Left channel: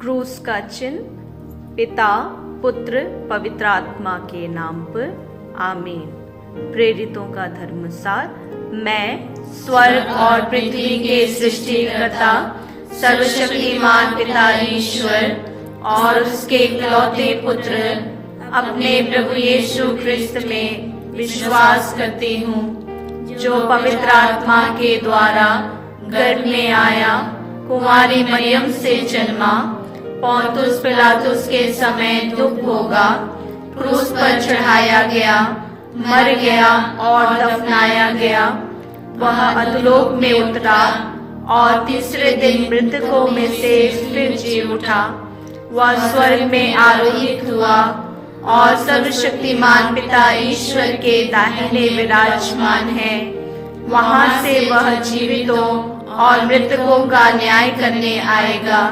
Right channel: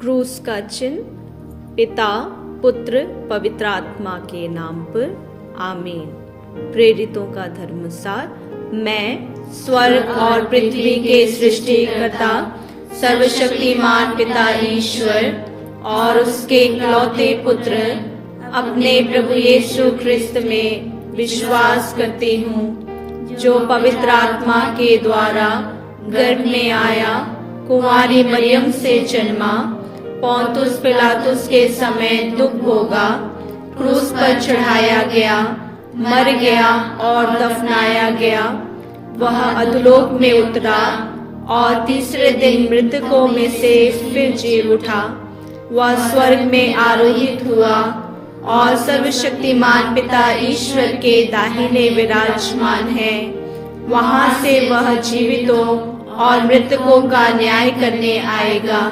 क्रूस का चिन्ह पिता पुत्र पवित्र आत्मा के नाम पर आमीन। प्रेरितों का धर्मसार। मैं स्वर्ग और पृथ्वी के सृष्टिकर्ता सर्वशक्तिमान पिता ईश्वर और उसके इकलौते पुत्र अपने प्रभु यीशु ख्रिस्त में विश्वास करती हूँ, जो पवित्र आत्मा के द्वारा गर्भ में आया, कुंवारी मरियम से जन्मा, पोंतुस पिलातुस के समय दुख भोगा, क्रूस पर चढ़ाया गया, मर गया और दफनाया गया। वह अधोलोक में उतरा और तीसरे दिन मृतकों में से फिर जी उठा। वह स्वर्ग में आरोहित हुआ और सर्वशक्तिमान पिता ईश्वर के दाहिने विराजमान है। वहां से वह जीवितों और मृतकों का न्याय करने आएगा।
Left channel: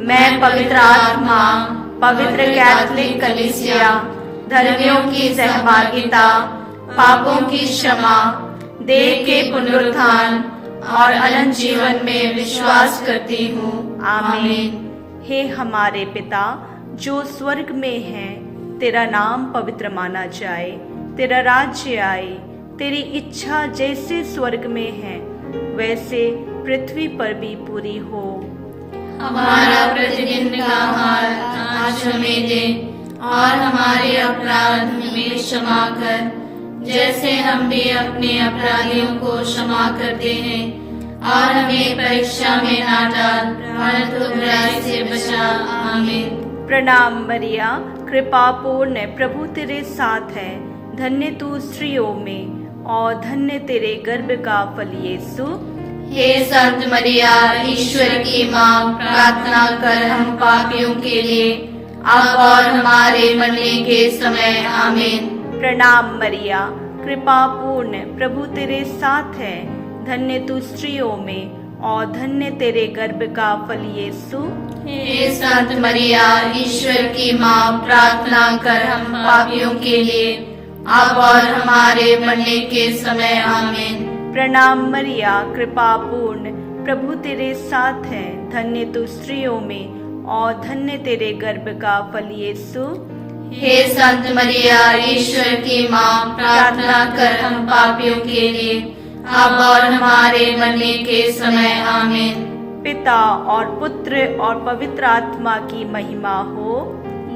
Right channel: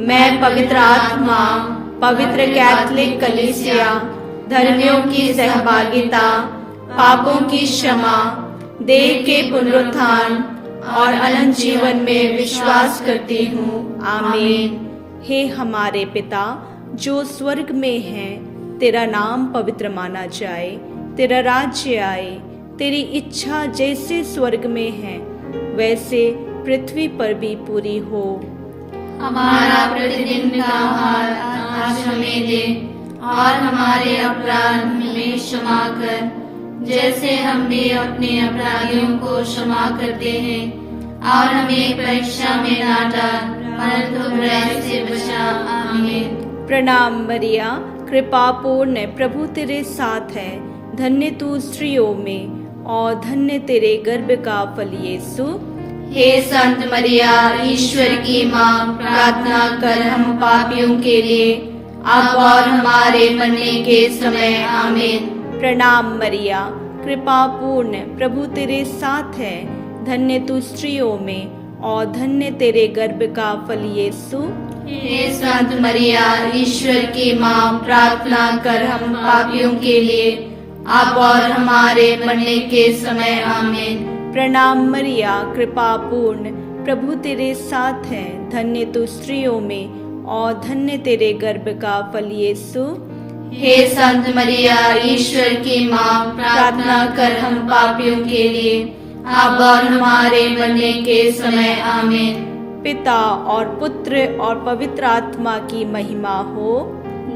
मैं पवित्र आत्मा, पवित्र कैथोलिक कलीसिया, धर्मियों की सहभागिता, पापों की क्षमा, देह के पुनरुत्थान और अनंत जीवन में विश्वास करती हूँ। आमीन। हे हमारे पिता जो स्वर्ग में है, तेरा नाम पवित्र माना जाए, तेरा राज्य आए, तेरी इच्छा जैसे स्वर्ग में है वैसे पृथ्वी पर भी पूरी हो। हमारा प्रतिदिन का आहार आज हमें दे और हमारे अपराध हमें क्षमा कर, जैसे हम भी अपने अपराधियों को क्षमा करते हैं, और हमें परीक्षा में ना डाल परंतु बुराई से बचा। आमीन। प्रणाम मरिया, कृपा पूर्ण, प्रभु तेरे साथ है। धन्य तू स्त्रियों में और धन्य तेरे गर्भ का फल यीशु। हे संत मरिया, ईश्वर की माँ, प्रार्थना कर हम पापियों के लिए अब और हमारे मरने के समय। आमीन। प्रणाम मरिया, कृपा पूर्ण, प्रभु तेरे साथ है। धन्य तू स्त्रियों में और धन्य तेरे गर्भ का फल यीशु। हे संत मरिया, ईश्वर की माँ, प्रार्थना कर हम पापियों के लिए अब और हमारे मरने के समय। आमीन। प्रणाम मरिया, कृपा पूर्ण, प्रभु तेरे साथ है। धन्य तू स्त्रियों में और धन्य तेरे गर्भ का फल यीशु। हे संत मरिया, ईश्वर की माँ, प्रार्थना कर हम पापियों के लिए अब और हमारे मरने के समय। आमीन। पिता और पुत्र और पवित्र आत्मा की महिमा हो,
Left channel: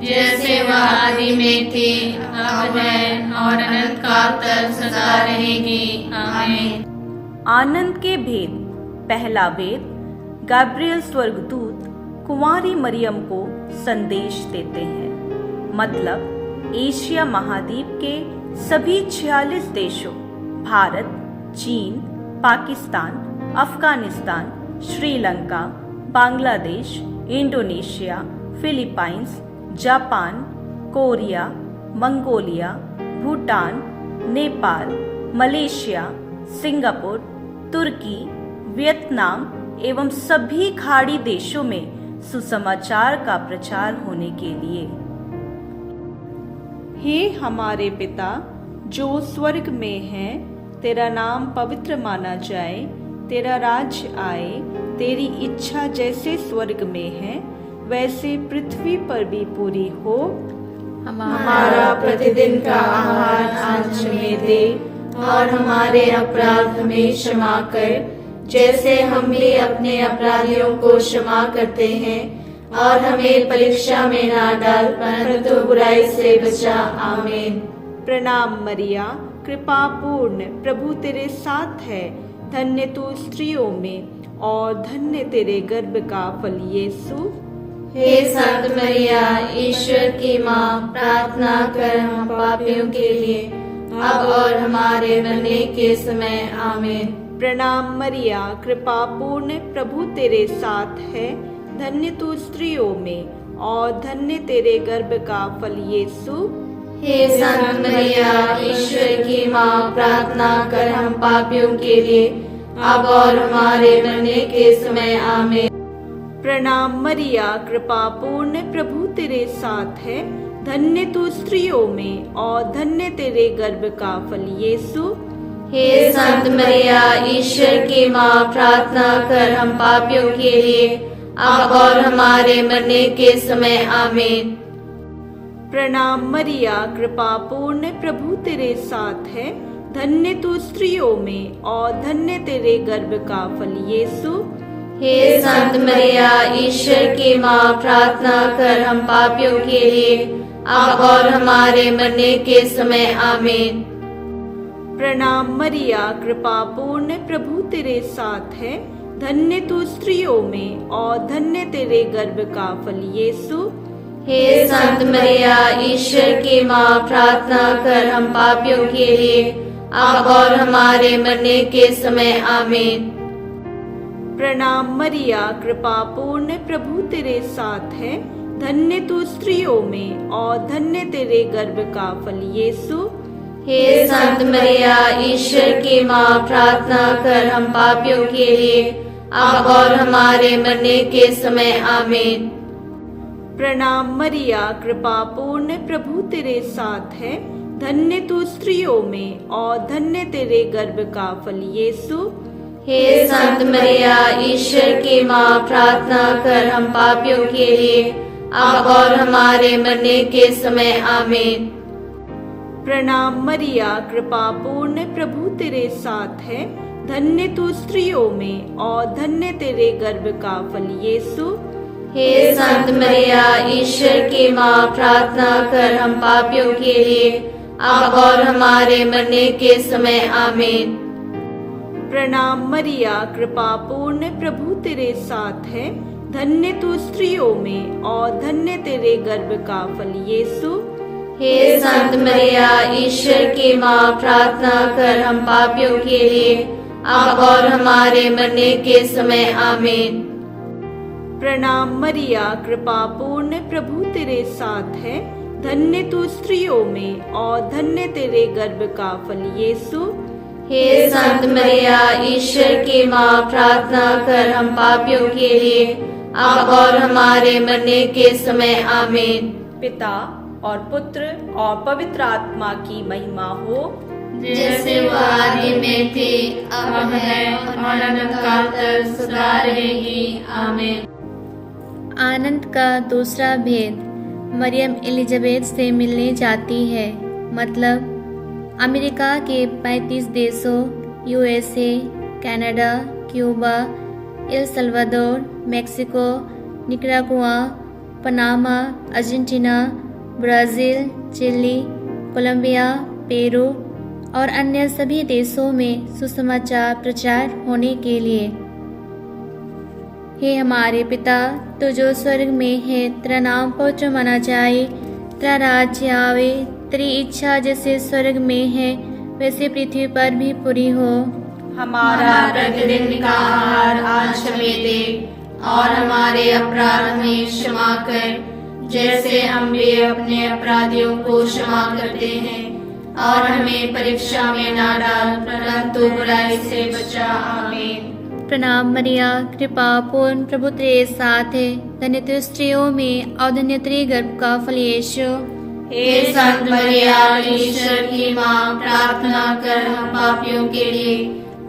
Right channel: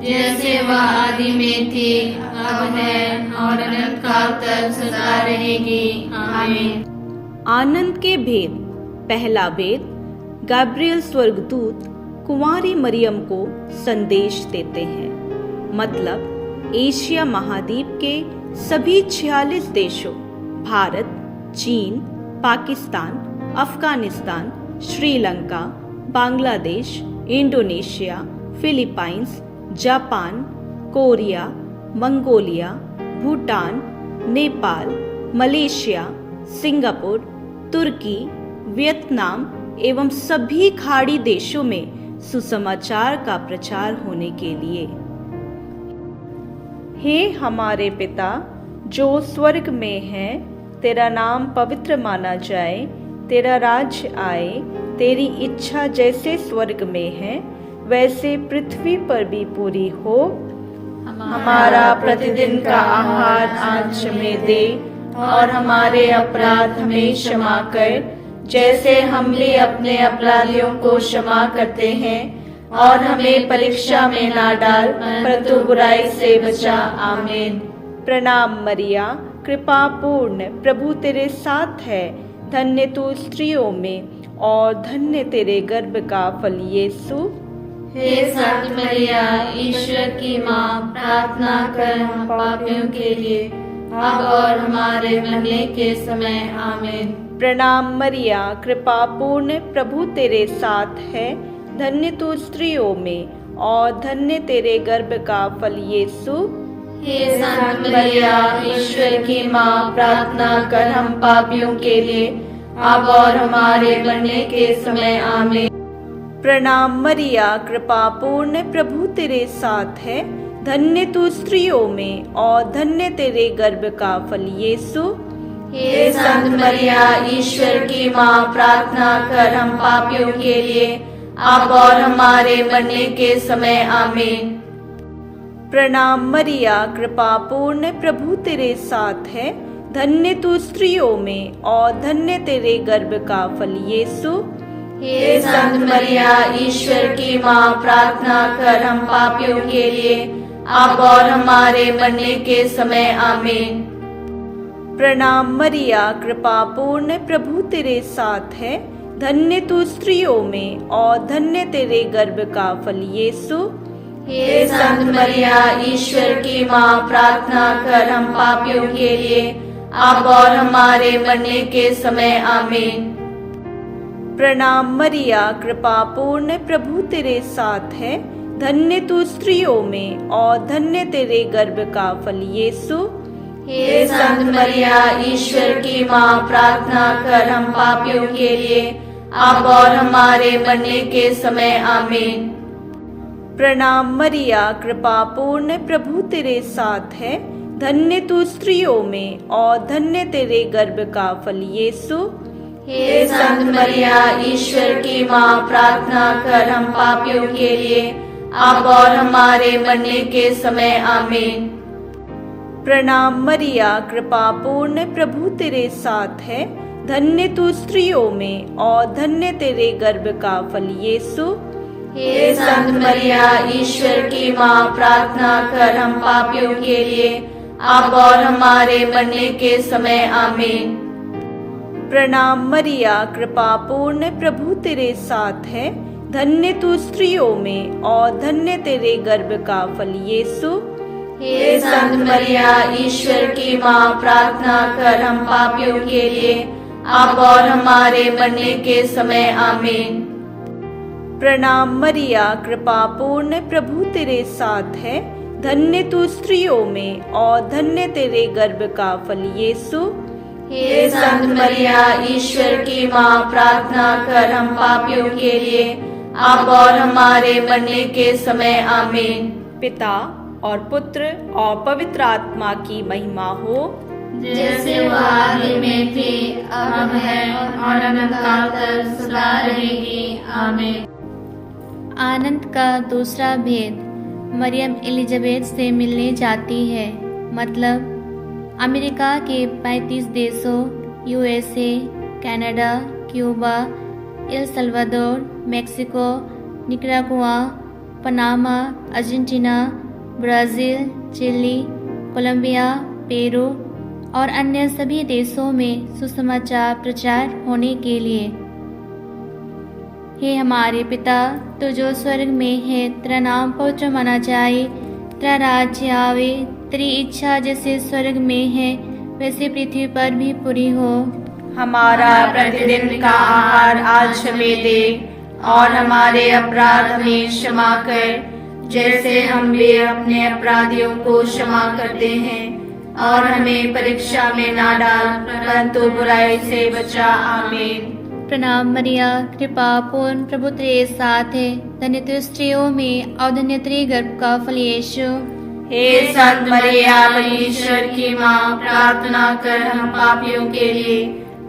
जैसे वह आदि में थी, अब है और अनंत काल तक सदा रहेगी। आमीन। आनंद के भेद। पहला भेद, गैब्रियल स्वर्गदूत कुंवारी मरियम को संदेश देते हैं। मतलब एशिया महाद्वीप के सभी 46 देशों भारत, चीन, Pakistan, Afghanistan, Sri Lanka, Bangladesh, Indonesia, Philippines, Japan, Korea, Mongolia, Bhutan, Nepal, Malaysia, Singapore, तुर्की, वियतनाम एवं सभी खाड़ी देशों में सुसमाचार का प्रचार होने के लिए। हे हमारे पिता जो स्वर्ग में है, तेरा नाम पवित्र माना जाए, तेरा राज्य आए, तेरी इच्छा जैसे स्वर्ग में है वैसे पृथ्वी पर भी पूरी हो। हमारा प्रतिदिन का आहार आज हमें दे और हमारे अपराध हमें क्षमा कर, जैसे हम भी अपने अपराधियों को क्षमा करते हैं, और हमें परीक्षा में ना डाल परंतु बुराई से बचा। आमीन। प्रणाम मरिया, कृपा पूर्ण, प्रभु तेरे साथ है। धन्य तू स्त्रियों में और धन्य तेरे गर्भ का फल यीशु। हे संत मरिया, ईश्वर की माँ, प्रार्थना कर हम पापियों के लिए अब और हमारे मरने के समय। आमीन। प्रणाम मरिया, कृपा पूर्ण, प्रभु तेरे साथ है। धन्य तू स्त्रियों में और धन्य तेरे गर्भ का फल यीशु। हे संत मरिया, ईश्वर की माँ, प्रार्थना कर हम पापियों के लिए अब और हमारे मरने के समय। आमीन। प्रणाम मरिया, कृपा पूर्ण, प्रभु तेरे साथ है। धन्य तू स्त्रियों में और धन्य तेरे गर्भ का फल यीशु। हे संत मरिया, ईश्वर की माँ, प्रार्थना कर हम पापियों के लिए अब और हमारे मरने के समय आमीन। प्रणाम मरिया, कृपा पूर्ण, प्रभु तेरे साथ है। धन्य तू स्त्रियों में और धन्य तेरे गर्भ का फल यीशु। हे संत मरिया, ईश्वर की माँ, प्रार्थना कर हम पापियों के लिए, अब और हमारे मरने के समय आमीन। प्रणाम मरिया, कृपा पूर्ण, प्रभु तेरे साथ है। धन्य तू स्त्रियों में और धन्य तेरे गर्भ का फल यीशु। हे संत मरिया, ईश्वर की माँ, प्रार्थना कर हम पापियों के लिए, अब और हमारे मरने के समय आमीन। प्रणाम मरिया, कृपा पूर्ण, प्रभु तेरे साथ है। धन्य तू स्त्रियों में और धन्य तेरे गर्भ का फल यीशु। हे संत मरिया, ईश्वर की माँ, प्रार्थना कर हम पापियों के लिए, अब और हमारे मरने के समय आमीन। प्रणाम मरिया, कृपा पूर्ण, प्रभु तेरे साथ है। धन्य तू स्त्रियों में और धन्य तेरे गर्भ का फल यीशु। हे संत मरिया, ईश्वर की माँ, प्रार्थना कर हम पापियों के लिए, अब और हमारे मरने के समय आमीन। प्रणाम मरिया, कृपा पूर्ण, प्रभु तेरे साथ है। धन्य तू स्त्रियों में और धन्य तेरे गर्भ का फल यीशु। हे संत मरिया, ईश्वर की माँ, प्रार्थना कर हम पापियों के लिए, अब और हमारे मरने के समय आमीन। प्रणाम मरिया, कृपा पूर्ण, प्रभु तेरे साथ है। धन्य तू स्त्रियों में और धन्य तेरे गर्भ का फल यीशु। हे संत मरिया, ईश्वर की माँ, प्रार्थना कर हम पापियों के लिए, अब और हमारे मरने के समय आमीन। प्रणाम मरिया, कृपा पूर्ण, प्रभु तेरे साथ है। धन्य तू स्त्रियों में और धन्य तेरे गर्भ का फल यीशु। हे संत मरिया, ईश्वर की माँ, प्रार्थना कर हम पापियों के लिए, अब और हमारे मरने के समय आमीन। पिता और पुत्र और पवित्र आत्मा की महिमा हो, जैसे वो आदि में थी, अब है और अनंत काल तक सदा रहेगी। आमीन। आनंद का दूसरा भेद, मरियम एलिजाबेथ से मिलने जाती है। मतलब अमेरिका के 35 देशों USA, Canada, Cuba, El Salvador, Mexico, Nicaragua, Panama, Argentina, Brazil, Chile, Colombia, Peru और अन्य सभी देशों में सुसमाचार प्रचार होने के लिए। हे हमारे पिता, तो जो स्वर्ग में है, तेरा नाम पवित्र माना जाए, तेरा राज्य आवे, तेरी इच्छा जैसे स्वर्ग में है वैसे पृथ्वी पर भी पूरी हो। हमारा प्रतिदिन का आहार आज हमें दे, और हमारे अपराध हमें क्षमा कर, जैसे हम भी अपने अपराधियों को क्षमा करते हैं, और हमें परीक्षा में ना डाल, परंतु बुराई से बचा। आमीन। प्रणाम मरिया, कृपा पूर्ण, प्रभु तेरे साथ है। धन्य तू स्त्रियों में और धन्य तेरे गर्भ का फल यीशु। हे संत मरिया, ईश्वर की माँ, प्रार्थना कर हम पापियों के लिए,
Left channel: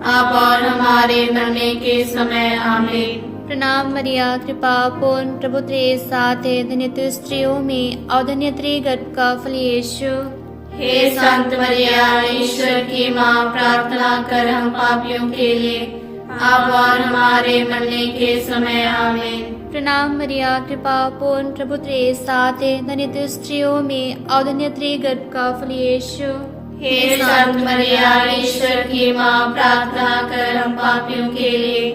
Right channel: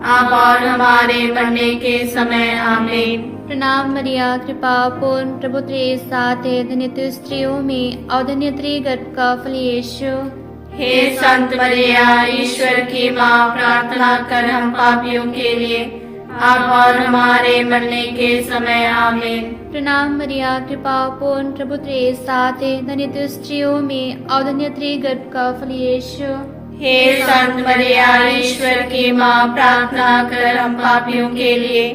अब और हमारे मरने के समय आमीन। प्रणाम मरिया, कृपा पूर्ण, प्रभु तेरे साथ है। धन्य तू स्त्रियों में और धन्य तेरे गर्भ का फल यीशु। हे संत मरिया, ईश्वर की माँ, प्रार्थना कर हम पापियों के लिए, अब और हमारे मरने के समय आमीन। प्रणाम मरिया, कृपा पूर्ण, प्रभु तेरे साथ है। धन्य तू स्त्रियों में और धन्य तेरे गर्भ का फल यीशु। हे संत मरिया, ईश्वर की माँ, प्रार्थना कर हम पापियों के लिए,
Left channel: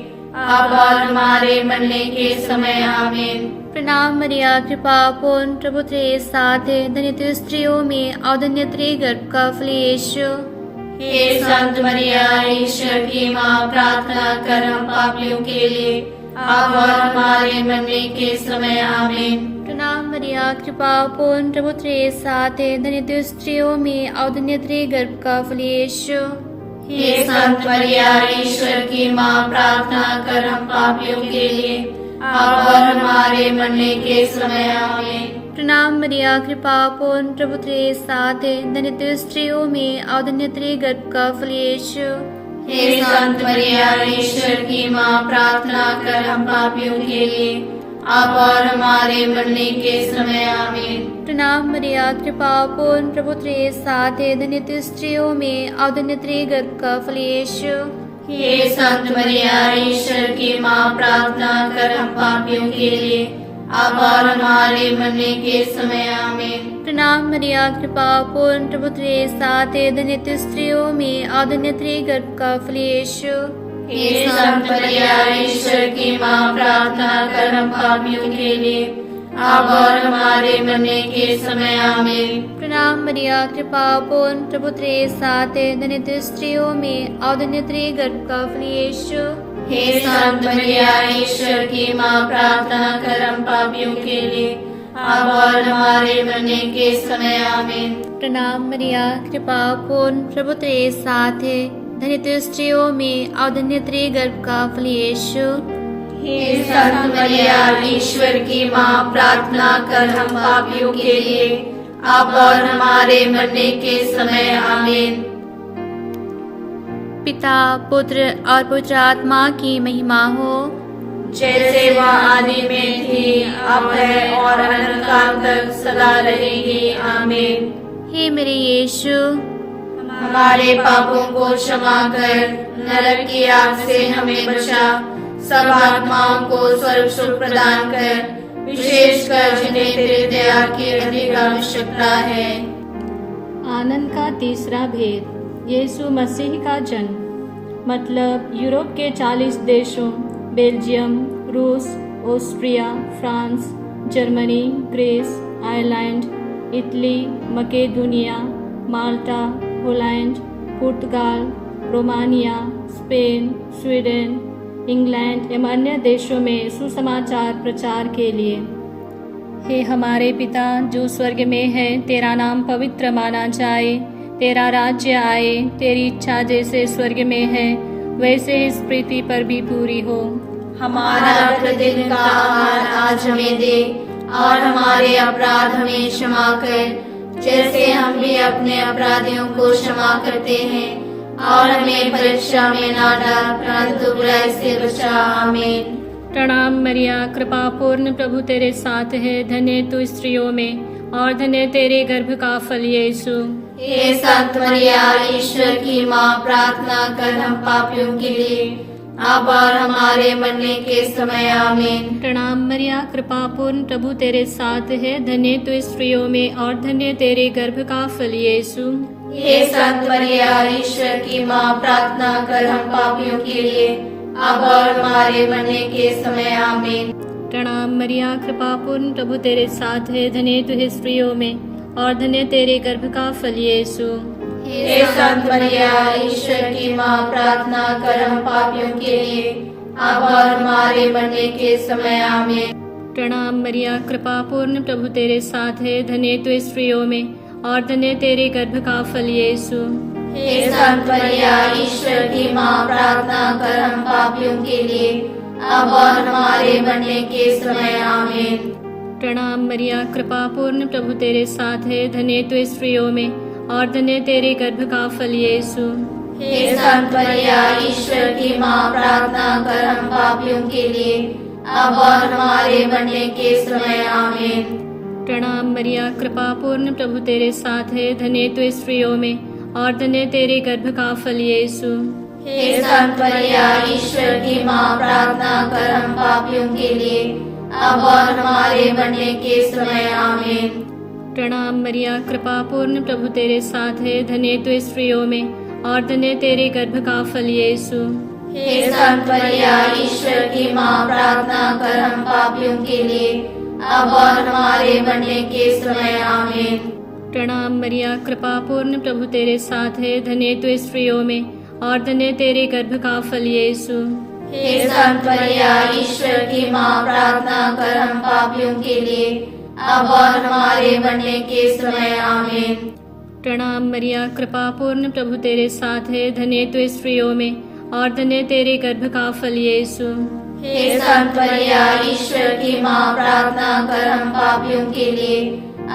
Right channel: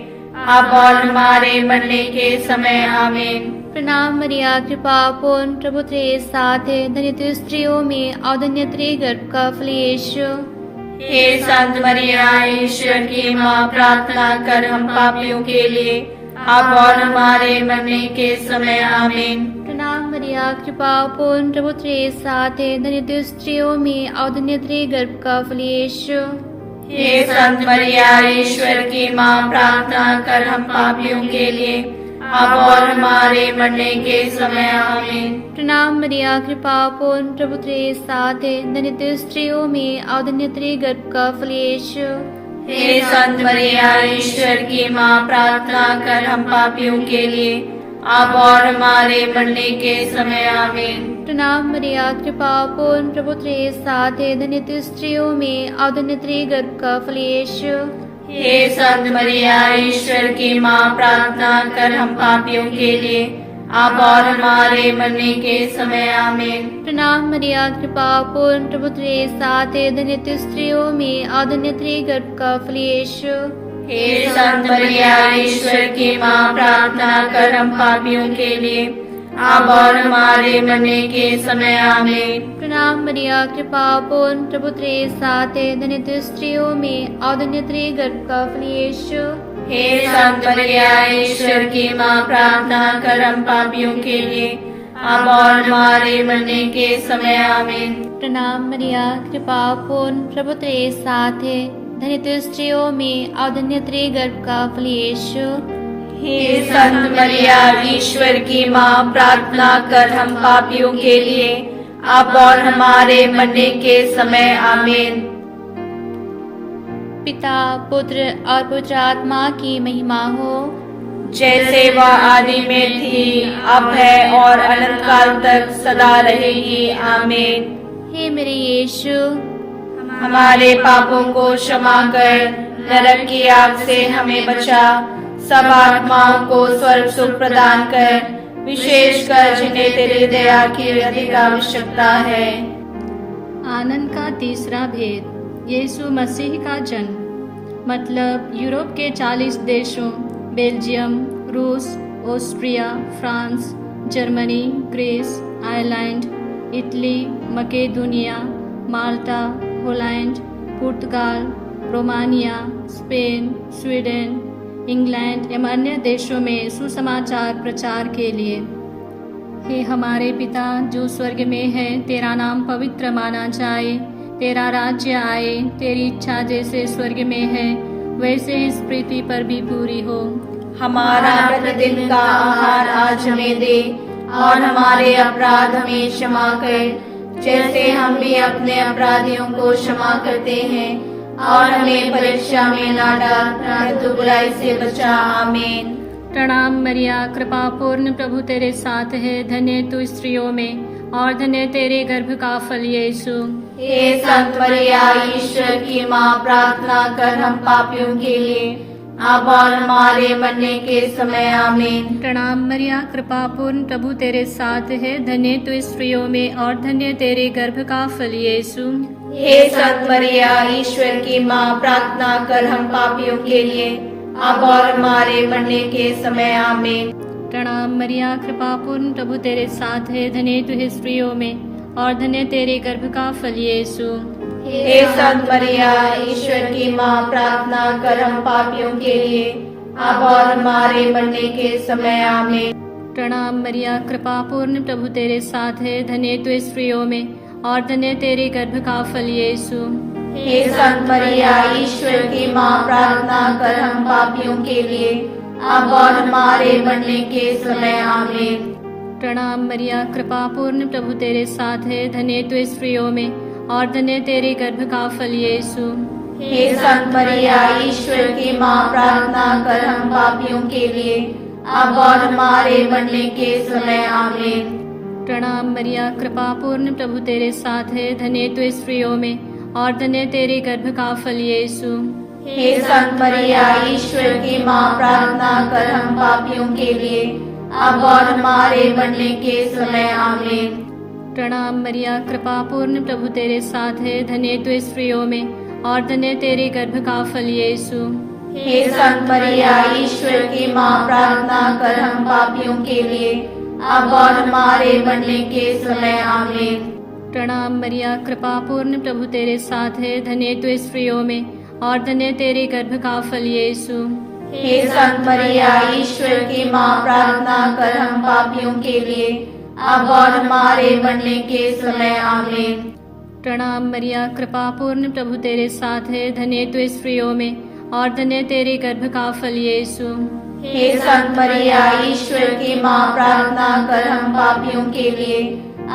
अब और हमारे मरने के समय आमीन। प्रणाम मरिया, कृपा पूर्ण, प्रभु तेरे साथ है। धन्य तू स्त्रियों में और धन्य तेरे गर्भ का फल यीशु। हे संत मरिया, ईश्वर की माँ, प्रार्थना कर हम पापियों के लिए, अब और हमारे मरने के समय आमीन। प्रणाम मरिया, कृपा पूर्ण, प्रभु तेरे साथ है। धन्य तू स्त्रियों में और धन्य तेरे गर्भ का फल यीशु। हे संत मरिया, ईश्वर की माँ, प्रार्थना कर हम पापियों के लिए, अब और हमारे मरने के समय आमीन। प्रणाम मरिया, कृपा पूर्ण, प्रभु तेरे साथ है। धन्य तू स्त्रियों में और धन्य तेरे गर्भ का फल यीशु। हे संत मरिया ईश्वर की माँ, प्रार्थना कर हम पापियों के लिए, अब और हमारे मरने के समय आमीन। प्रणाम मरिया, कृपा पूर्ण, प्रभु तेरे साथ है, धन्य तू स्त्रियों में और धन्य तेरे गर्भ का फल यीशु। हे संत मरिया ईश्वर की माँ, प्रार्थना कर हम पापियों के लिए, अब और हमारे मरने के समय आमीन। प्रणाम मरिया, कृपा पूर्ण, प्रभु तेरे साथ है, धन्य तू स्त्रियों में और धन्य तेरे गर्भ का फल यीशु। हे संत मरिया ईश्वर की माँ, प्रार्थना कर हम पापियों के लिए, अब और हमारे मरने के समय आमीन। प्रणाम मरिया, कृपा पूर्ण, प्रभु तेरे साथ है, धन्य तू स्त्रियों में और धन्य तेरे गर्भ का फल यीशु। हे संत मरिया ईश्वर की माँ, प्रार्थना कर हम पापियों के लिए, अब और हमारे मरने के समय आमीन। प्रणाम मरिया, कृपा पूर्ण, प्रभु तेरे साथ है, धन्य तू स्त्रियों में और धन्य तेरे गर्भ का फल यीशु। हे संत मरिया ईश्वर की माँ, प्रार्थना कर हम पापियों के लिए, अब और हमारे मरने के समय आमीन। पिता, पुत्र और पवित्र आत्मा की महिमा हो, जैसे वह आदि में थी, अब है और अनंत काल तक सदा रहेगी आमीन। हे मेरे यीशु, हमारे पापों को क्षमा कर, नरक की आग से हमें बचा, सब आत्माओं को स्वर्ग सुख प्रदान कर, विशेषकर जिन्हें तेरी दया की अधिक आवश्यकता है। आनंद का तीसरा भेद, यीशु मसीह का जन्म। मतलब यूरोप के 40 देशों बेल्जियम, रूस, Austria, France, Germany, Greece, Ireland, Italy, Macedonia, Malta, Holland, पुर्तगाल, रोमानिया, स्पेन, स्वीडन, इंग्लैंड एवं अन्य देशों में सुसमाचार प्रचार के लिए। हे हमारे पिता जो स्वर्ग में है, तेरा नाम पवित्र माना जाए, तेरा राज्य आए, तेरी इच्छा जैसे स्वर्ग में है वैसे इस पृथ्वी पर भी पूरी हो। हमारा प्रतिदिन का आहार आज हमें दे, और हमारे अपराध हमें क्षमा कर, जैसे हम भी अपने अपराधियों को क्षमा करते हैं, और हमें परीक्षा में न डाल, परंतु बुराई से बचा आमीन। प्रणाम मरिया, कृपा पूर्ण, प्रभु तेरे साथ है, धन्य तू स्त्रियों में और धन्य तेरे गर्भ का फल यीशु। हे संत मरिया ईश्वर की माँ, प्रार्थना कर हम पापियों के लिए, अब और हमारे मरने के समय आमीन। प्रणाम मरिया, कृपा पूर्ण, प्रभु तेरे साथ है, धन्य तू स्त्रियों में और धन्य तेरे गर्भ का फल यीशु। हे संत मरिया ईश्वर की माँ, प्रार्थना कर हम पापियों के लिए, अब और हमारे मरने के समय आमीन। प्रणाम मरिया, कृपा पूर्ण, प्रभु तेरे साथ है, धन्य तू है स्त्रियों में और धन्य तेरे गर्भ का फल यीशु। हे संत मरिया ईश्वर की माँ, प्रार्थना कर हम पापियों के लिए, अब और हमारे मरने के समय आमीन। प्रणाम मरिया, कृपा पूर्ण, प्रभु तेरे साथ है, धन्य तू स्त्रियों में और धन्य तेरे गर्भ का फल यीशु। हे संत मरिया ईश्वर की माँ, प्रार्थना कर हम पापियों के लिए, अब और हमारे मरने के समय आमीन। प्रणाम मरिया, कृपा पूर्ण, प्रभु तेरे साथ है, धन्य तू स्त्रियों में और धन्य तेरे गर्भ का फल यीशु। हे संत मरिया ईश्वर की माँ, प्रार्थना कर हम पापियों के लिए, अब और हमारे मरने के समय आमीन। प्रणाम मरिया, कृपा पूर्ण, प्रभु तेरे साथ है, धन्य तू स्त्रियों में और धन्य तेरे गर्भ का फल यीशु। हे संत मरिया ईश्वर की माँ, प्रार्थना कर हम पापियों के लिए, अब और हमारे मरने के समय आमीन। प्रणाम मरिया, कृपा पूर्ण, प्रभु तेरे साथ है, धन्य तू स्त्रियों में और धन्य तेरे गर्भ का फल यीशु। हे संत मरिया ईश्वर की माँ, प्रार्थना कर हम पापियों के लिए, अब और हमारे मरने के समय आमीन। प्रणाम मरिया, कृपा पूर्ण, प्रभु तेरे साथ है, धन्य तू स्त्रियों में और धन्य तेरे गर्भ का फल यीशु। हे संत मरिया ईश्वर की माँ, प्रार्थना कर हम पापियों के लिए, अब और हमारे मरने के समय आमीन। प्रणाम मरिया, कृपा पूर्ण, प्रभु तेरे साथ है, धन्य तू स्त्रियों में और धन्य तेरे गर्भ का फल यीशु। हे संत मरिया ईश्वर की माँ, प्रार्थना कर हम पापियों के लिए,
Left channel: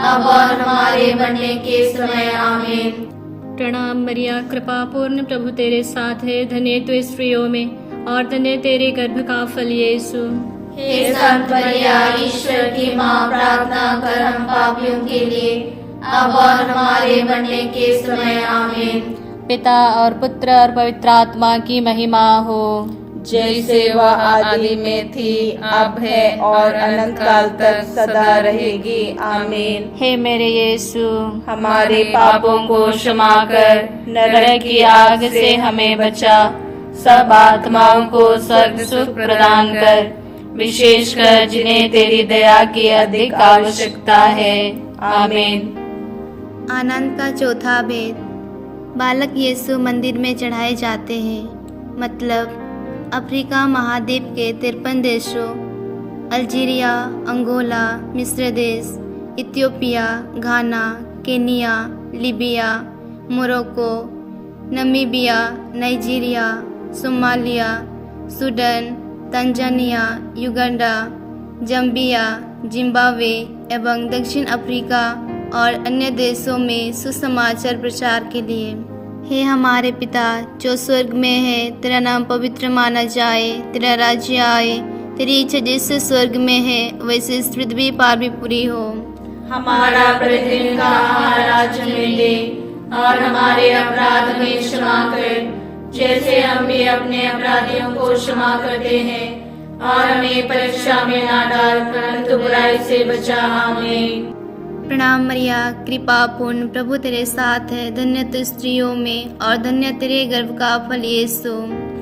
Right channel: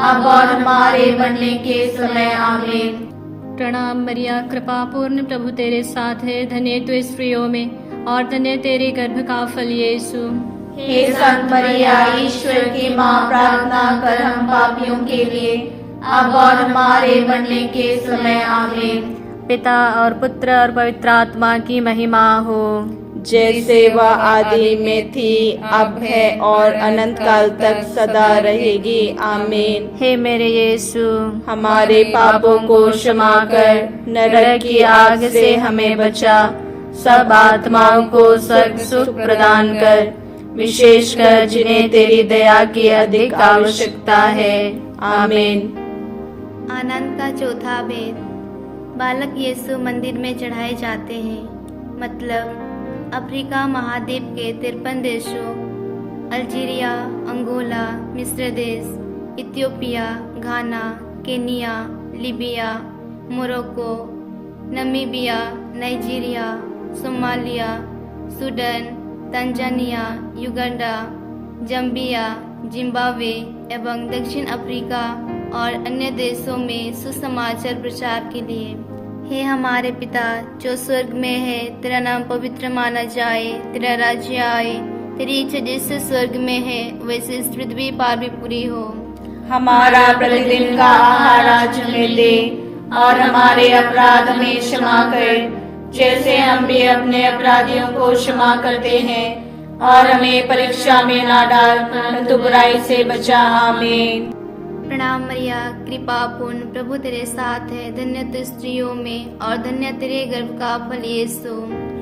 अब और हमारे मरने के समय आमीन। प्रणाम मरिया, कृपा पूर्ण, प्रभु तेरे साथ है। धन्य तू स्त्रियों में और धन्य तेरे गर्भ का फल यीशु। हे संत मरिया, ईश्वर की माँ, प्रार्थना कर हम पापियों के लिए, अब और हमारे मरने के समय। आमीन। पिता और पुत्र और पवित्र आत्मा की महिमा हो, जैसे वह आदि में थी, अब है और अनंत काल तक सदा रहेगी। आमीन। हे मेरे यीशु, हमारे पापों को क्षमा कर, नरक की आग से हमें बचा, सब आत्माओं को स्वर्ग सुख प्रदान कर, विशेषकर जिन्हें तेरी दया की अधिक आवश्यकता है। आमीन। आनंद का चौथा भेद। बालक यीशु मंदिर में चढ़ाए जाते हैं, मतलब अफ्रीका महाद्वीप के 53 देशों अल्जीरिया, अंगोला, मिस्र देश, Ethiopia, Ghana, Kenya, Libya, Morocco, Namibia, Nigeria, Somalia, Sudan, Tanzania, Uganda, Zambia, Zimbabwe एवं दक्षिण अफ्रीका और अन्य देशों में सुसमाचार प्रचार के लिए। हे हमारे पिता जो स्वर्ग में है, तेरा नाम पवित्र माना जाए, तेरा राज्य आए, तेरी इच्छा जैसे स्वर्ग में है वैसे इस पृथ्वी पर भी पूरी हो। हमारा प्रतिदिन का आहार आज हमें दे, और हमारे अपराध हमें क्षमा कर, जैसे हम भी अपने अपराधियों को क्षमा करते हैं, और हमें परीक्षा में ना डाल, परंतु बुराई से बचा। आमीन। प्रणाम मरिया, कृपा पूर्ण, प्रभु तेरे साथ है। धन्य तू स्त्रियों में और धन्य तेरे गर्भ का फल यीशु।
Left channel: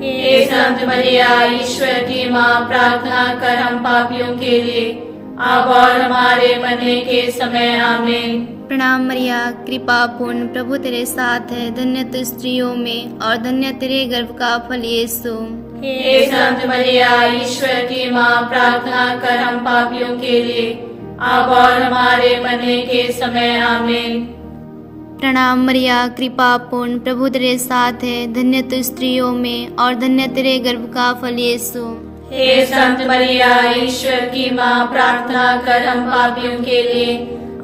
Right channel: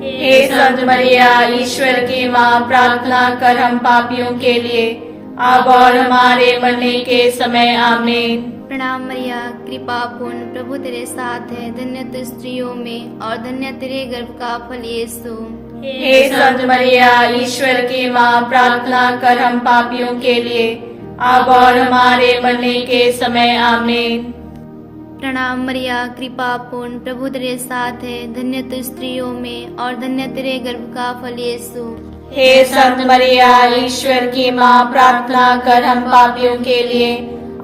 हे संत मरिया, ईश्वर की माँ, प्रार्थना कर हम पापियों के लिए, अब और हमारे मरने के समय। आमीन। प्रणाम मरिया, कृपा पूर्ण, प्रभु तेरे साथ है। धन्य तू स्त्रियों में और धन्य तेरे गर्भ का फल यीशु। हे संत मरिया, ईश्वर की माँ, प्रार्थना कर हम पापियों के लिए, अब और हमारे मरने के समय। आमीन। प्रणाम मरिया, कृपा पूर्ण, प्रभु तेरे साथ है। धन्य तू स्त्रियों में और धन्य तेरे गर्भ का फल यीशु। हे संत मरिया, ईश्वर की माँ, प्रार्थना कर हम पापियों के लिए,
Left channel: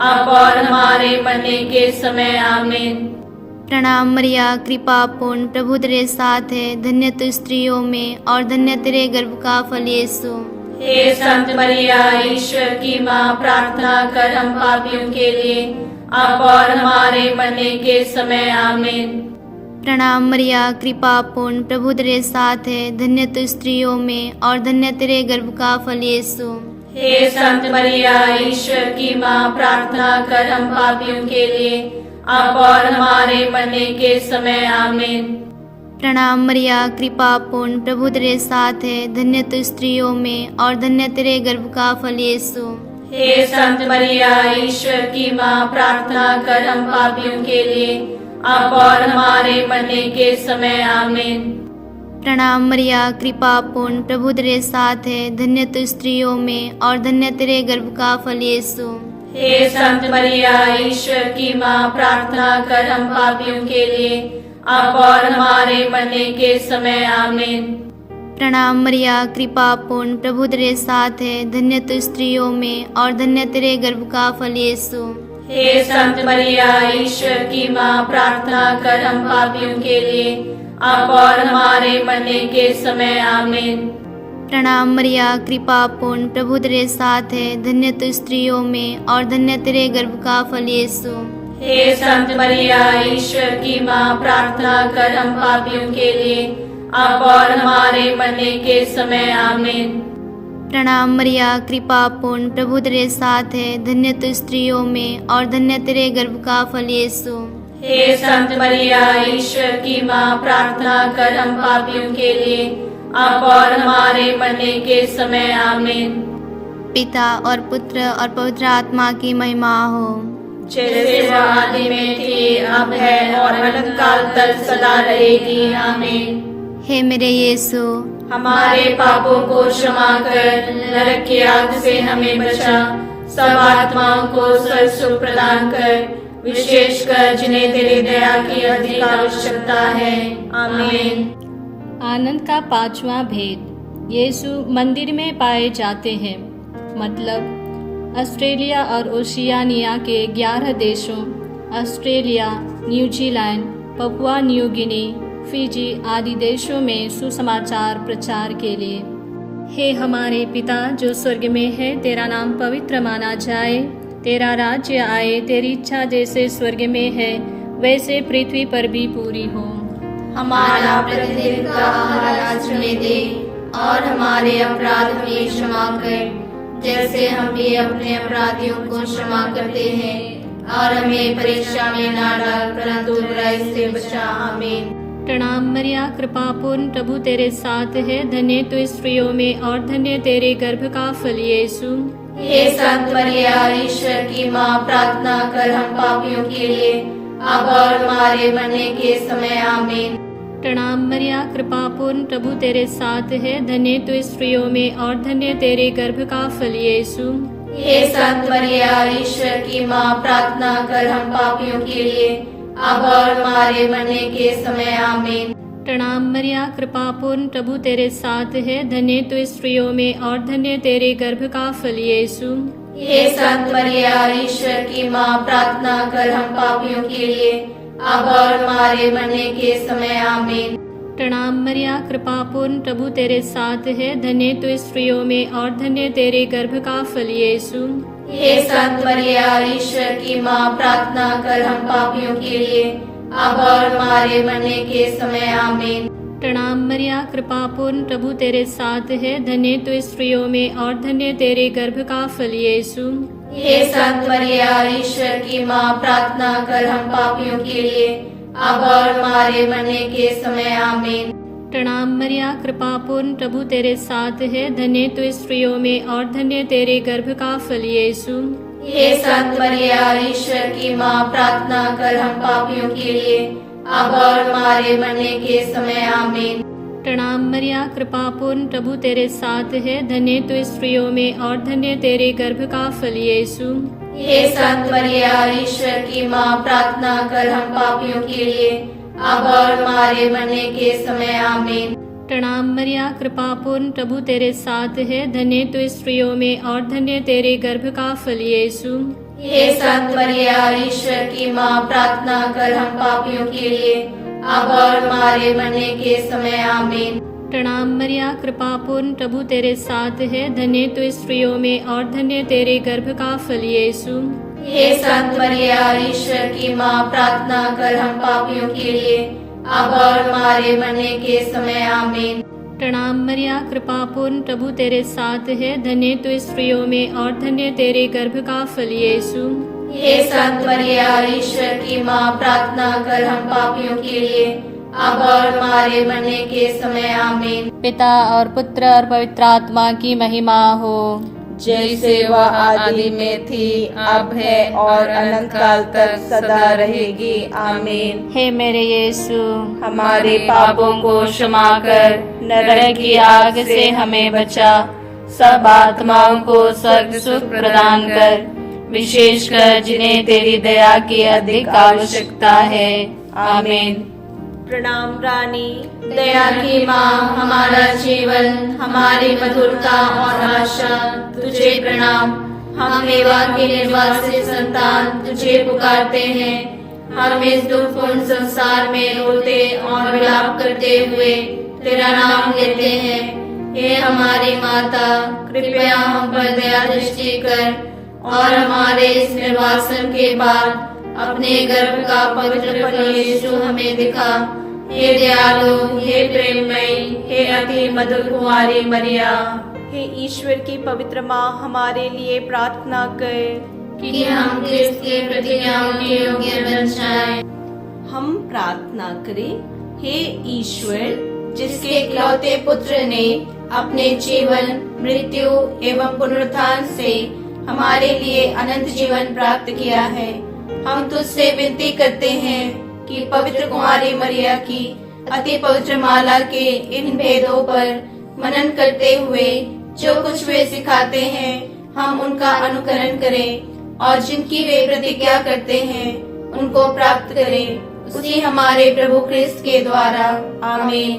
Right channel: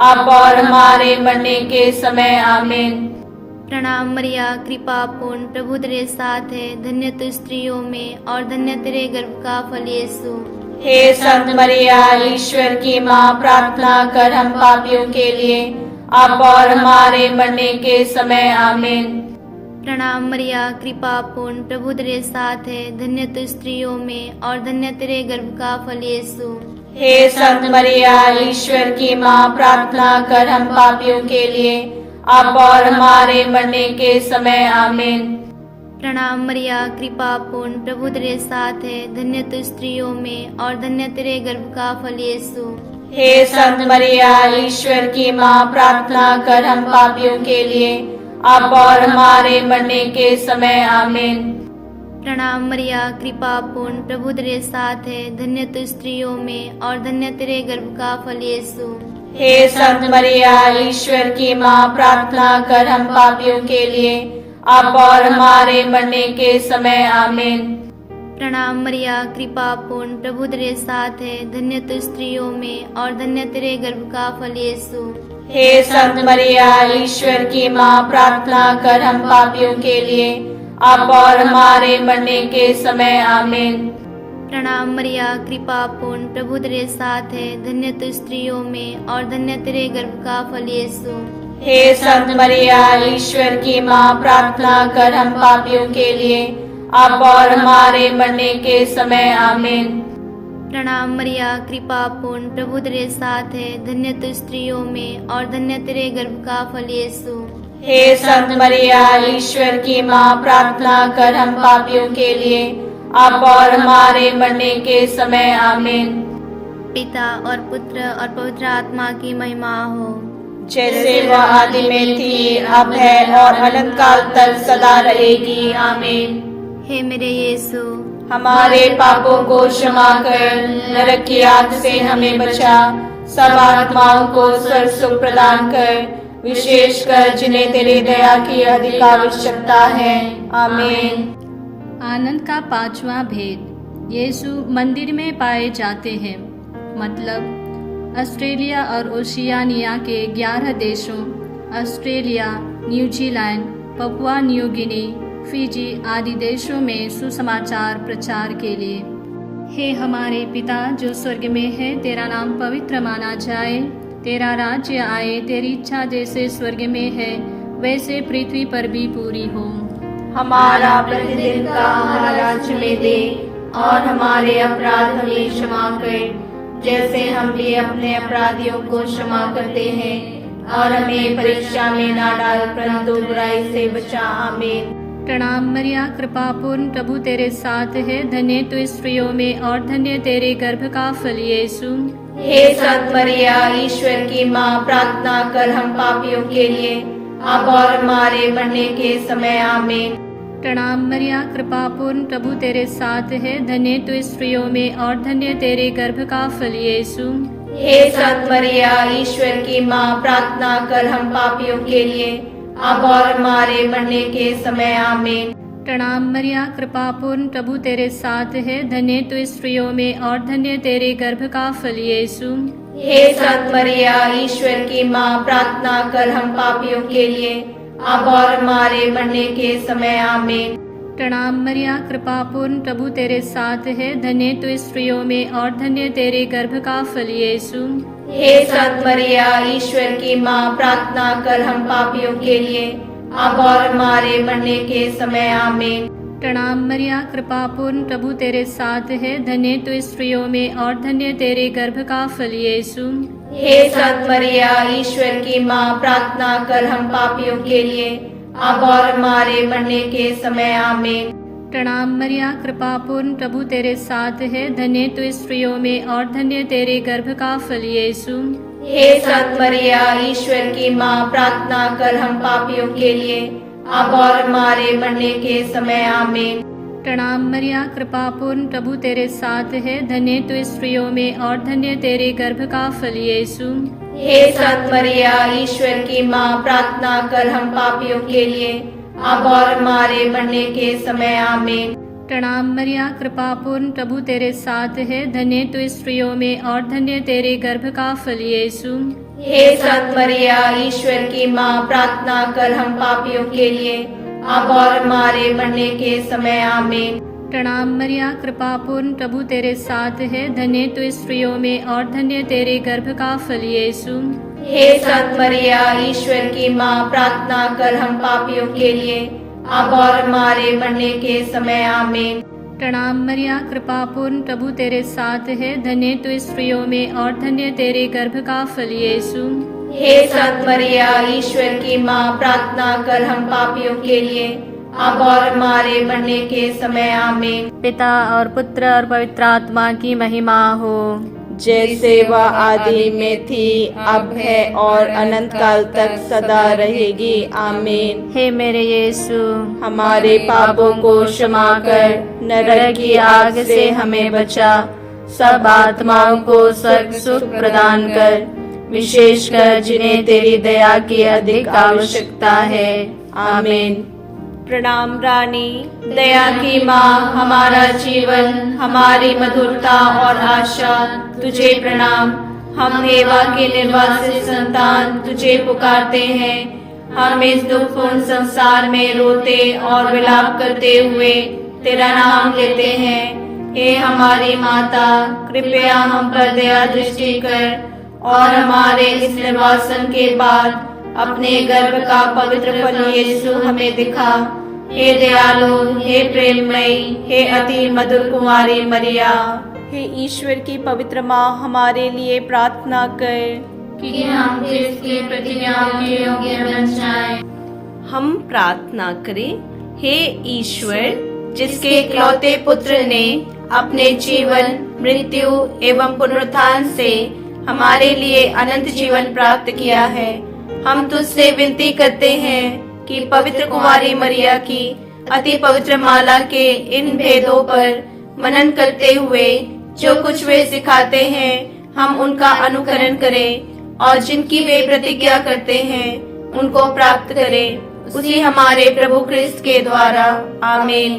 अब और हमारे मरने के समय। आमीन। प्रणाम मरिया, कृपा पूर्ण, प्रभु तेरे साथ है। धन्य तू स्त्रियों में और धन्य तेरे गर्भ का फल यीशु। हे संत मरिया, ईश्वर की माँ, प्रार्थना कर हम पापियों के लिए, अब और हमारे मरने के समय। आमीन। प्रणाम मरिया, कृपा पूर्ण, प्रभु तेरे साथ है। धन्य तू स्त्रियों में और धन्य तेरे गर्भ का फल यीशु। हे संत मरिया, ईश्वर की माँ, प्रार्थना कर हम पापियों के लिए, अब और हमारे मरने के समय। आमीन। प्रणाम मरिया, कृपा पूर्ण, प्रभु तेरे साथ है। धन्य तू स्त्रियों में और धन्य तेरे गर्भ का फल यीशु। हे संत मरिया, ईश्वर की माँ, प्रार्थना कर हम पापियों के लिए, अब और हमारे मरने के समय। आमीन। प्रणाम मरिया, कृपा पूर्ण, प्रभु तेरे साथ है। धन्य तू स्त्रियों में और धन्य तेरे गर्भ का फल यीशु। हे संत मरिया, ईश्वर की माँ, प्रार्थना कर हम पापियों के लिए, अब और हमारे मरने के समय। आमीन। प्रणाम मरिया, कृपा पूर्ण, प्रभु तेरे साथ है। धन्य तू स्त्रियों में और धन्य तेरे गर्भ का फल यीशु। हे संत मरिया, ईश्वर की माँ, प्रार्थना कर हम पापियों के लिए, अब और हमारे मरने के समय। आमीन। प्रणाम मरिया, कृपा पूर्ण, प्रभु तेरे साथ है। धन्य तू स्त्रियों में और धन्य तेरे गर्भ का फल यीशु। हे संत मरिया, ईश्वर की माँ, प्रार्थना कर हम पापियों के लिए, अब और हमारे मरने के समय। आमीन। प्रणाम मरिया, कृपा पूर्ण, प्रभु तेरे साथ है। धन्य तू स्त्रियों में और धन्य तेरे गर्भ का फल यीशु। हे संत मरिया, ईश्वर की माँ, प्रार्थना कर हम पापियों के लिए, अब और हमारे मरने के समय। आमीन। पिता और पुत्र और पवित्र आत्मा की महिमा हो, जैसे वह आदि में थी, अब है और अनंत काल तक सदा रहेगी। आमीन। हे मेरे यीशु, हमारे पापों को क्षमा कर, नरक की आग से हमें बचा, सब आत्माओं को स्वर्ग सुख प्रदान कर, विशेषकर जिन्हें तेरी दया की अधिक आवश्यकता है। आमीन। आनंद का पांचवा भेद। यीशु मंदिर में पाए जाते हैं, मतलब ऑस्ट्रेलिया और ओशियानिया के 11 देशों Australia, New Zealand, Papua New Guinea, Fiji आदि देशों में सुसमाचार प्रचार के लिए। हे हमारे पिता जो स्वर्ग में है, तेरा नाम पवित्र माना जाए, तेरा राज्य आए, तेरी इच्छा जैसे स्वर्ग में है वैसे पृथ्वी पर भी पूरी हो। हमारा प्रतिदिन का आहार आज हमें दे, और हमारे अपराध हमें क्षमा कर, जैसे हम भी अपने अपराधियों को क्षमा करते हैं, और हमें परीक्षा में ना डाल, परंतु बुराई से बचा। आमीन। प्रणाम मरिया, कृपा पूर्ण, प्रभु तेरे साथ है, धन्य तू स्त्रियों में और धन्य तेरे गर्भ का फल यीशु। हे संत मरिया, ईश्वर की माँ, प्रार्थना कर हम पापियों के लिए, अब और हमारे मरने के समय। आमीन। प्रणाम मरिया, कृपा पूर्ण, प्रभु तेरे साथ है, धन्य तू स्त्रियों में और धन्य तेरे गर्भ का फल यीशु। हे संत मरिया, ईश्वर की माँ, प्रार्थना कर हम पापियों के लिए, अब और हमारे मरने के समय। आमीन। प्रणाम मरिया, कृपा पूर्ण, प्रभु तेरे साथ है, धन्य तू स्त्रियों में और धन्य तेरे गर्भ का फल यीशु। हे संत मरिया, ईश्वर की माँ, प्रार्थना कर हम पापियों के लिए, अब और हमारे मरने के समय। आमीन। प्रणाम मरिया, कृपा पूर्ण, प्रभु तेरे साथ है, धन्य तू स्त्रियों में और धन्य तेरे गर्भ का फल यीशु। हे संत मरिया, ईश्वर की माँ, प्रार्थना कर हम पापियों के लिए, अब और हमारे मरने के समय। आमीन। प्रणाम मरिया, कृपा पूर्ण, प्रभु तेरे साथ है, धन्य तू स्त्रियों में और धन्य तेरे गर्भ का फल यीशु। हे संत मरिया, ईश्वर की माँ, प्रार्थना कर हम पापियों के लिए, अब और हमारे मरने के समय। आमीन। प्रणाम मरिया, कृपा पूर्ण, प्रभु तेरे साथ है, धन्य तू स्त्रियों में और धन्य तेरे गर्भ का फल यीशु। हे संत मरिया, ईश्वर की माँ, प्रार्थना कर हम पापियों के लिए, अब और हमारे मरने के समय। आमीन। प्रणाम मरिया, कृपा पूर्ण, प्रभु तेरे साथ है, धन्य तू स्त्रियों में और धन्य तेरे गर्भ का फल यीशु। हे संत मरिया, ईश्वर की माँ, प्रार्थना कर हम पापियों के लिए, अब और हमारे मरने के समय। आमीन। प्रणाम मरिया, कृपा पूर्ण, प्रभु तेरे साथ है, धन्य तू स्त्रियों में और धन्य तेरे गर्भ का फल यीशु। हे संत मरिया, ईश्वर की माँ, प्रार्थना कर हम पापियों के लिए, अब और हमारे मरने के समय। आमीन। प्रणाम मरिया, कृपा पूर्ण, प्रभु तेरे साथ है, धन्य तू स्त्रियों में और धन्य तेरे गर्भ का फल यीशु। हे संत मरिया, ईश्वर की माँ, प्रार्थना कर हम पापियों के लिए, अब और हमारे मरने के समय। आमीन। प्रणाम मरिया, कृपा पूर्ण, प्रभु तेरे साथ है, धन्य तू स्त्रियों में और धन्य तेरे गर्भ का फल यीशु। हे संत मरिया, ईश्वर की माँ, प्रार्थना कर हम पापियों के लिए, अब और हमारे मरने के समय। आमीन। पिता और पुत्र और पवित्र आत्मा की महिमा हो, जैसे वह आदि में थी, अब है और अनंत काल तक सदा रहेगी। आमीन। हे मेरे यीशु, हमारे पापों को क्षमा कर, नरक की आग से हमें बचा, सब आत्माओं को स्वर्ग सुख प्रदान कर, विशेषकर जिन्हें तेरी दया की अधिक आवश्यकता है। आमीन। प्रणाम रानी, दया की माँ, हमारा जीवन, हमारी मधुरता और आशा, तुझे प्रणाम। हम एवा के निर्वासित संतान तुझे पुकारते हैं। हम इस दुखपूर्ण संसार में रोते और विलाप करते हुए तेरा नाम लेते हैं। हे हमारी माता, कृपया हम पर दया दृष्टि कर और हमारे इस निर्वासन के बाद अपने गर्भ का पवित्र फल यीशु हमें दिखा। हे दयालु, हे प्रेममयी, हे अति मधुर कुंवारी मरिया, हे ईश्वर की पवित्र माँ, हमारे लिए प्रार्थना कर कि हम क्रिस्त की प्रतिज्ञाओं के योग्य बन जाएं। हम प्रार्थना करें। हे ईश्वर, जिसके इकलौते पुत्र ने अपने जीवन, मृत्यु एवं पुनरुत्थान से हमारे लिए अनंत जीवन प्राप्त किया है, हम तुझसे विनती करते हैं कि पवित्र कुमारी मरिया की अति पवित्र माला के इन भेदों पर मनन करते हुए जो कुछ वे सिखाते हैं, हम उनका अनुकरण करें और जिनकी वे प्रतिज्ञा करते हैं उनको प्राप्त करें, उसी हमारे प्रभु क्रिस्त के द्वारा। आमीन।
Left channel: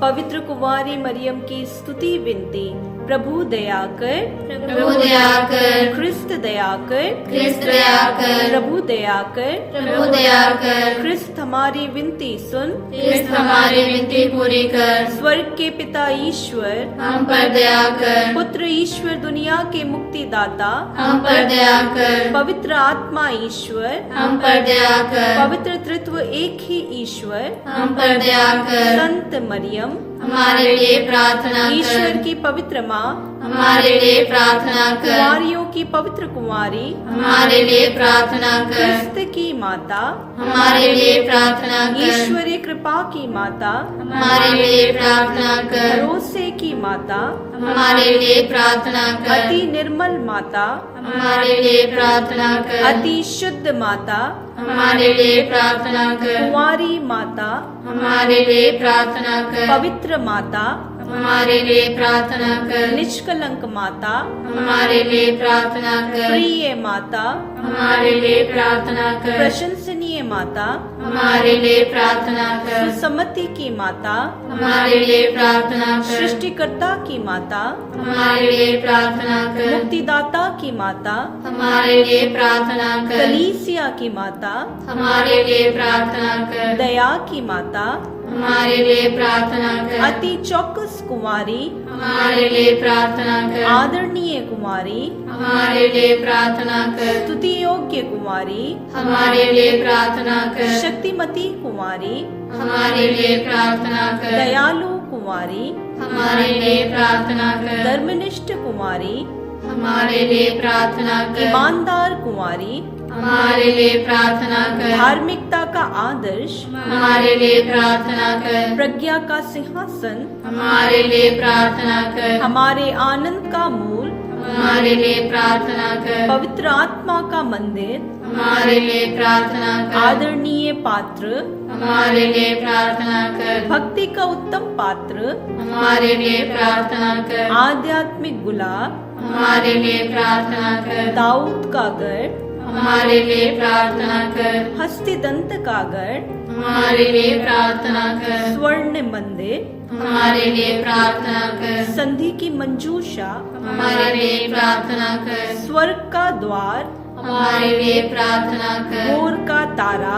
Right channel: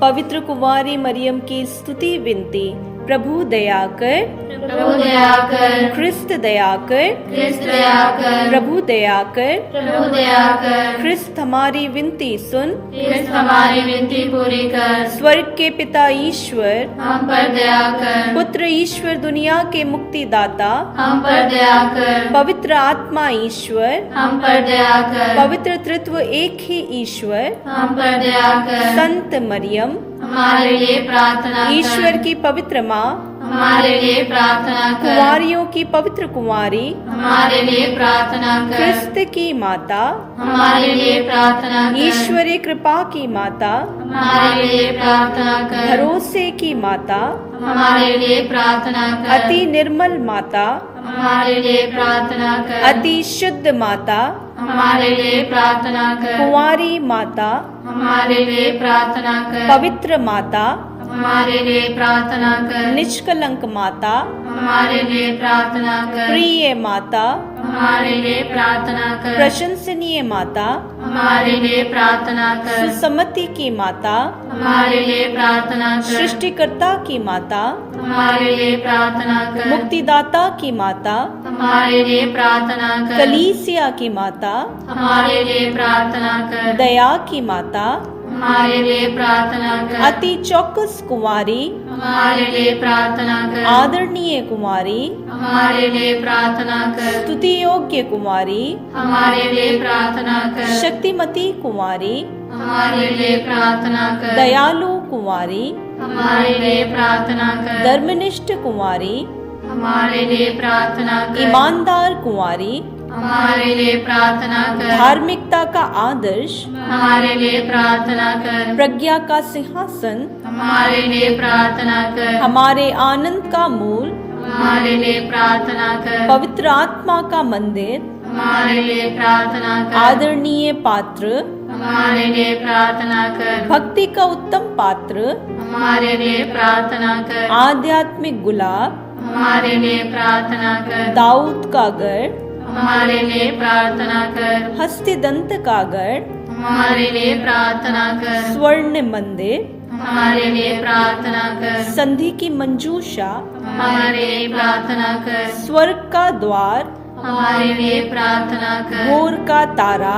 पवित्र कुंवारी मरियम की स्तुति विनती। प्रभु दया कर, प्रभु दया कर, क्रिस्त दया कर, क्रिस्त दया कर, प्रभु दया कर, प्रभु दया कर, क्रिस्त हमारी विनती सुन, क्रिस्त हमारी विनती पूरी कर, स्वर्ग के पिता ईश्वर, हम पर दया कर, पुत्र ईश्वर दुनिया के मुक्तिदाता, हम पर दया कर, पवित्र आत्मा ईश्वर, हम पर दया कर, पवित्र तृत्व एक ही ईश्वर, हम पर दया कर, संत मरियम, हमारे लिए प्रार्थना कर, ईश्वर की पवित्र माँ, हमारे लिए प्रार्थना कर, कुंवारियों की पवित्र कुंवारी, हमारे लिए प्रार्थना कर, क्रिस्त की माता, हमारे लिए प्रार्थना कर, ईश्वरीय कृपा की माता, हमारे लिए प्रार्थना कर, भरोसे की माता, हमारे लिए प्रार्थना कर, अति निर्मल माता, हमारे लिए प्रार्थना कर, अति शुद्ध माता, हमारे लिए प्रार्थना कर, कुंवारी माता, हमारे लिए प्रार्थना कर, पवित्र माता, हमारे लिए प्रार्थना कर, निष्कलंक माता, हमारे लिए प्रार्थना कर, प्रिय माता, हमारे लिए प्रार्थना कर, प्रशंसनीय माता, हमारे लिए प्रार्थना कर, सुसम्मति की माता, हमारे लिए प्रार्थना कर, सृष्टिकर्ता की माता, हमारे लिए प्रार्थना कर, मुक्तिदाता की माता, हमारे लिए प्रार्थना कर, कलीसिया की माता, हमारे लिए प्रार्थना कर, दया की माता, हमारे लिए प्रार्थना कर, अति चौकस कुंवारी, हमारे लिए प्रार्थना कर, आदरणीय कुमारी, हमारे लिए प्रार्थना कर, स्तुति योग्य कुमारी, हमारे लिए प्रार्थना कर, शक्तिमती कुमारी, हमारे लिए प्रार्थना कर, दयालु कुमारी, हमारे लिए प्रार्थना कर, धर्मनिष्ठ कुमारी, हमारे लिए प्रार्थना कर, ईमानदार कुमारी, हमारे लिए प्रार्थना कर, धार्मिकता का आदर्श, हमारे लिए प्रार्थना कर, प्रज्ञा का सिंहासन, हमारे लिए प्रार्थना कर, हमारे आनंद का मूल, हमारे लिए प्रार्थना कर, पवित्र आत्मा का मंदिर, हमारे लिए प्रार्थना कर, आदरणीय पात्र, हमारे लिए प्रार्थना कर, भक्ति का उत्तम पात्र, हमारे लिए प्रार्थना कर, आध्यात्मिक गुलाब, हमारे लिए प्रार्थना कर, दाऊद का गढ़, हमारे लिए प्रार्थना कर, हस्तिदंत का गढ़, हमारे लिए प्रार्थना कर, स्वर्ण मंदिर, हमारे लिए प्रार्थना कर, संधि की मंजूषा, हमारे लिए प्रार्थना कर, स्वर्ग का द्वार, हमारे लिए प्रार्थना कर, भोर का तारा,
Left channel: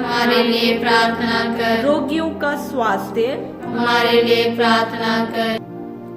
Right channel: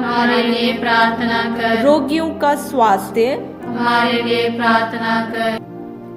हमारे लिए प्रार्थना कर, रोगियों का स्वास्थ्य, हमारे लिए प्रार्थना कर,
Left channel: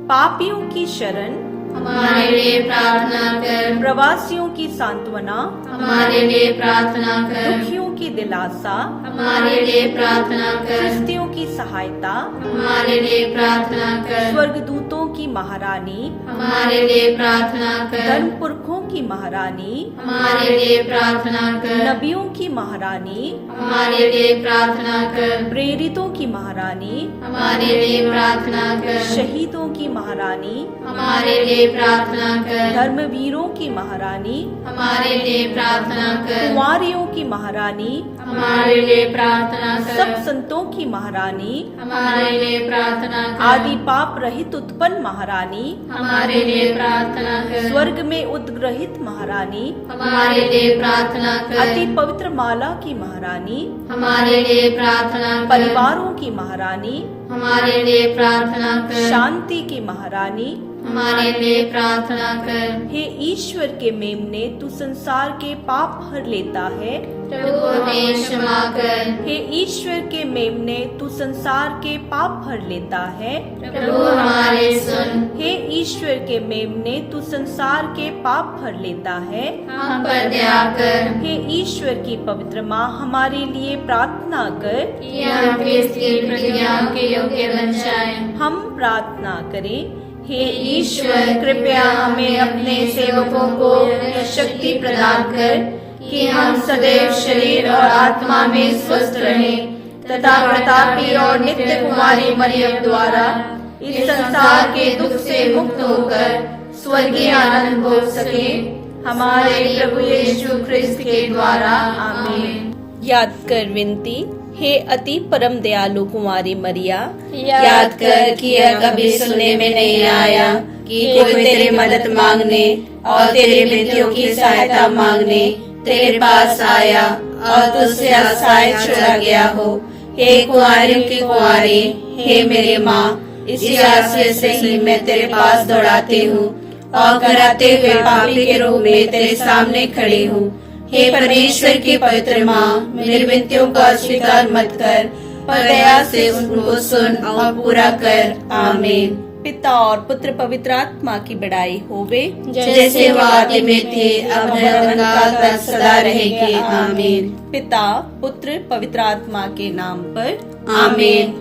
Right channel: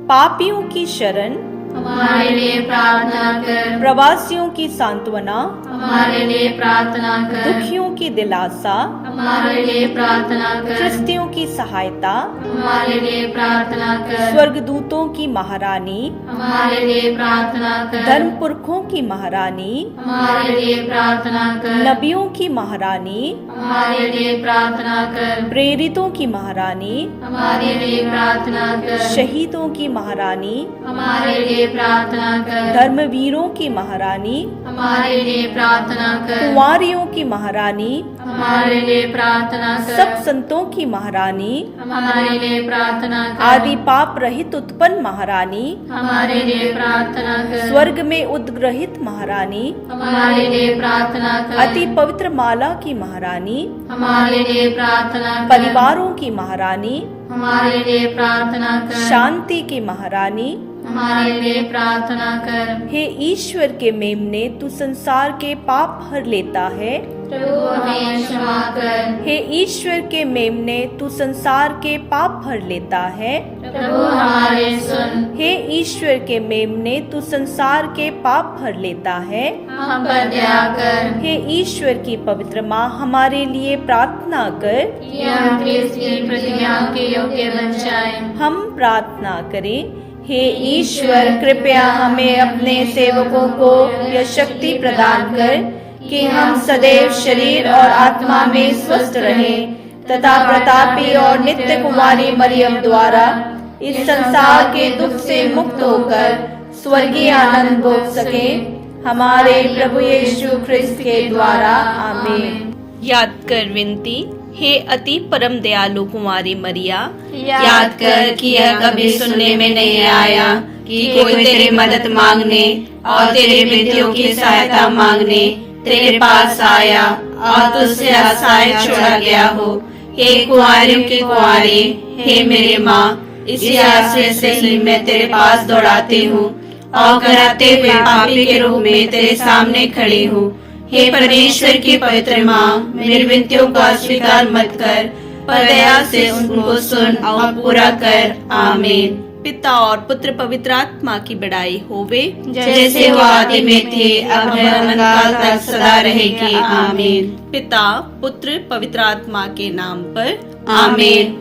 पापियों की शरण, हमारे लिए प्रार्थना कर, प्रवासियों की सांत्वना, हमारे लिए प्रार्थना कर, दुखियों की दिलासा, हमारे लिए प्रार्थना कर, ख्रिस्तियों की सहायता, हमारे लिए प्रार्थना कर, स्वर्गदूतों की महारानी, हमारे लिए प्रार्थना कर, धर्म पुरखों की महारानी, हमारे लिए प्रार्थना कर, नबियों की महारानी, हमारे लिए प्रार्थना कर, प्रेरितों की महारानी, हमारे लिए प्रार्थना कर, शहीदों की महारानी, हमारे लिए प्रार्थना कर, धर्मवीरों की महारानी, हमारे लिए प्रार्थना कर, कुंवारियों की महारानी, हमारे लिए प्रार्थना कर, सब संतों की महारानी, हमारे लिए प्रार्थना कर, आदि पाप रहित उत्पन्न महारानी, हमारे लिए प्रार्थना कर, स्वर्ग में उद्ग्रहित महारानी, हमारे लिए प्रार्थना कर, अति पवित्र माला की महारानी, हमारे लिए प्रार्थना कर, परिवारों की महारानी, हमारे लिए प्रार्थना कर, शांति की महारानी, हमारे लिए प्रार्थना कर, हे ईश्वर के मेमने, तू संसार के पाप हर लेता है। प्रभु हमें क्षमा कर, हे ईश्वर के मेमने, तू संसार के पाप हर लेता है। प्रभु हमारे सुन, हे ईश्वर के मेमने, तू संसार के पाप हर लेता है। हम पर दया कर, हे ईश्वर की पवित्र माँ, हमारे लिए प्रार्थना कर। कि हम क्रिस्त की प्रतिज्ञा के योग्य बन जाएं। हम प्रार्थना करें। हे ईश्वर, कृपया हमें अपने सेवकों को यह शक्ति प्रदान कर कि हम सदैव शरीर और आत्मा में स्वस्थ रहें तथा प्रतापी और नित्य कुमारी मरियम द्वारा इस संसार के दुख से मुक्त होकर स्वर्गीय आनंद भोग सके। हमारे प्रभु यीशु ख्रिस्त के द्वारा, आमीन। याद कर विनती। हे अति परम दयालु कुमारी मरिया, याद कर कि यह कभी सुनने में नहीं आया कि कोई तेरी मदद मांगने और तेरी विनतियों की सहायता मांगने तेरे पास आया और तुझसे असहाय छोड़ा गया हो। हे कुंवारियों की कुंवारी, हे मेरी माँ, इसी आश्रय से ही मैं तेरे पास दौड़ाती हूँ और कराते हुए पापी के रूप में तेरे सामने खड़ी हूँ। हे परमेश्वर की पवित्र माँ, मेरी विनतियों को अस्वीकार मत कर, पर दया से उनको सुन और पूरा कर। आमीन। पिता और पुत्र पवित्र आत्मा की बड़ाई होवे, जैसे वो आदि में थी, अब अनंतकाल तक सदा रहेगी। आमीन। पिता पुत्र पवित्र आत्मा के नाम पर। आमीन।